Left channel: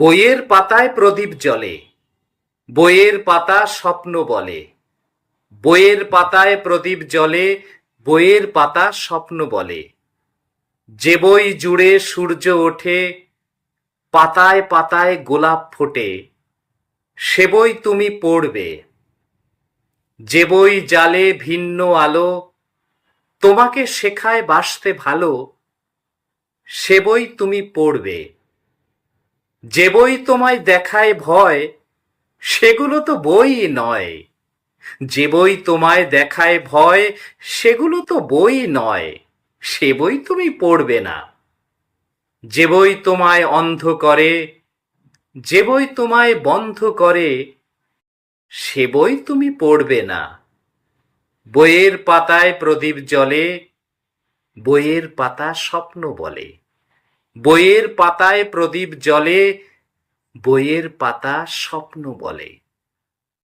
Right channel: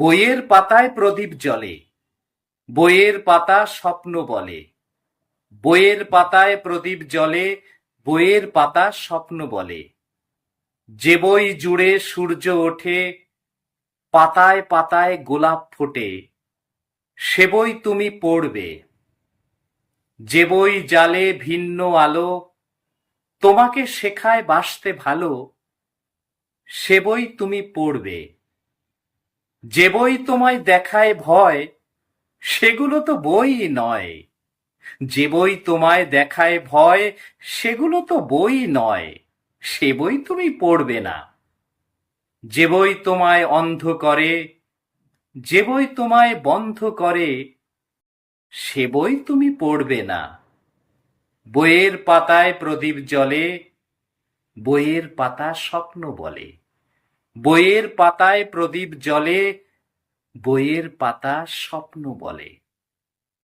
বইয়ের পাতায় প্রদীপ জ্বলে, বইয়ের পাতা স্বপ্ন বলে। বইয়ের পাতায় প্রদীপ জ্বলে, বইয়ের পাতা স্বপ্ন বলে। যে বই জুড়ে সূর্য ওঠে, পাতায় পাতায় গোলাপ ফোটে, সে বই তুমি পড়বে। যে বই জ্বালে ভিন্ন আলো, তোমাকে শেখায় বাসতে ভালো, সে বই তুমি পড়বে। যে বই তোমায় দেখায় ভয়, সেগুলো তো বই নয়। যে বই তোমায় দেখায় ভয়, সেগুলো তো বই নয়, সে বই তুমি পড়বে না। যে বই তোমায় অন্ধ করে, যে বই তোমায় বন্ধ করে, সে বই তুমি পড়বে না। বইয়ের পাতায় প্রদীপ জ্বলে, বইয়ের পাতা স্বপ্ন বলে। বইয়ের পাতায় প্রদীপ জ্বলে, বইয়ের পাতা স্বপ্ন বলে।